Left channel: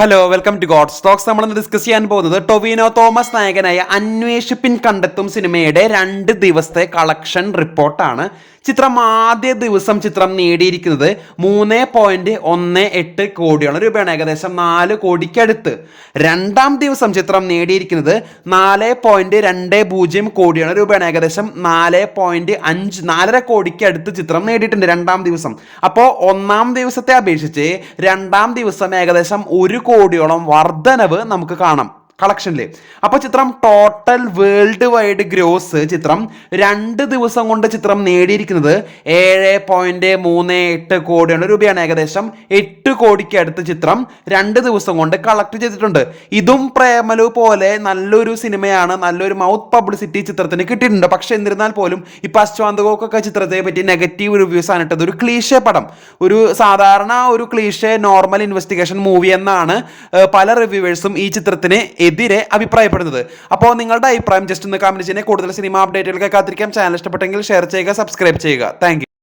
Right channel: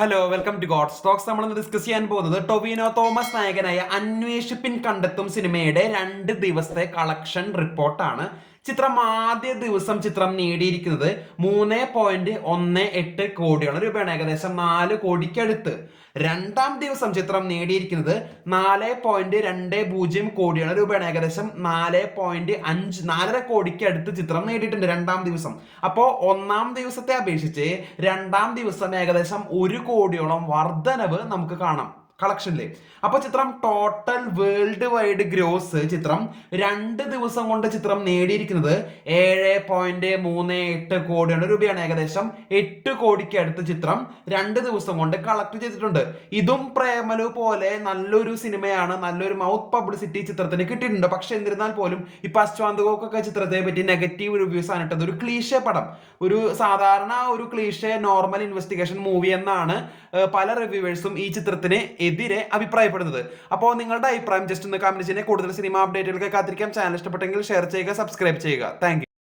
Hello welcome to God stocks നമ്മൾ ഇന്ന് discuss ചെയ്യാൻ പോകുന്നത് ടൊവിനോ തോമസ് നായകനായ അന്വേഷിപ്പിൻ കണ്ടെത്തും സിനിമയുടെ രണ്ട് ദിവസത്തെ കളക്ഷൻ റിപ്പോർട്ടാണ്. ചിത്രം ആദ്യ ദിവസം ചിത്രം നേടിയിരിക്കുന്നത് മൂന്ന് പോയിന്റ് ഒന്ന് എട്ട് കോടിയാണ്. രൂപയാണ് ഏകദേശം നാല് കോടിക്കടുത്ത്. രണ്ടാം ദിവസം ചിത്രം നേടിയിരിക്കുന്നത് നാല് പോയിന്റ് രണ്ട് പൂജ്യം കോടിയാണ്. രൂപയാണ് ഏകദേശം നാല് പോയിന്റ് അഞ്ച് നാലര കോടിക്കടുത്ത് ചിത്രം നേടിയിട്ടുണ്ട് രണ്ടാം ദിവസം. അപ്പോൾ ഒന്നാം ദിവസത്തെ അപേക്ഷിച്ച് രണ്ടാം ദിവസം ഏകദേശം ഒരു കോടിയോളം വർധനവ് നമുക്ക് കാണാം. കളക്ഷനിൽ അപ്പോൾ ചിത്രം ടോട്ടൽ വേൾഡ് വൈഡ് ഗ്രോസ് ചിത്രം രണ്ട് ദിവസം കൊണ്ട് ചിത്രം നേടിയിരിക്കുന്നത് ഏഴ് പോയിന്റ് മൂന്ന് എട്ട് കോടിയാണ് രൂപയാണ്. ഏകദേശം എട്ട് കോടിക്ക് അടുത്ത ചിത്രം രണ്ട് ദിവസം കൊണ്ട് കളക്ട് ചെയ്തിട്ടുണ്ട്. ഇതും പ്രേമലു പോലെ നല്ലൊരു സിനിമയാണ് നല്ലൊരു മൗത്ത് പബ്ലിസിറ്റി ചിത്രത്തിന് കിട്ടിയിട്ടുണ്ട്. പക്ഷെ എന്നിരുന്നാൽ പോലും ഈ അശ്വാന്തകോക്കൊക്കെ ചിത്രത്തെ പറ്റി നെഗറ്റീവ് റിവ്യൂസ് ആണ് ഇട്ടത്. ഒരു ക്ലീഷേ പടം. ഒരു സാധാരണ ഒരു ക്ലീഷേ നോർമൽ ഇൻവെസ്റ്റിഗേഷൻ മൂവി എന്നാണ് പല റിവ്യൂവേഴ്സും ഈ ചിത്രത്തിന് എതിരെ അഭിപ്രായപ്പെടുന്നത്. അപ്പോൾ നിങ്ങളുടെ അഭിപ്രായം ജസ്റ്റ് ഒന്ന് കമന്റ് ചെയ്യുന്നത് കൂടുതൽ സിനിമ അപ്ഡേറ്റുകൾക്ക് കാത്തിരിക്കാം. ചാനൽ ഇഷ്ടപ്പെട്ടെങ്കിൽ ഷെയർ ചെയ്യുക സബ്സ്ക്രൈബ് ചെയ്യുക. താങ്ക്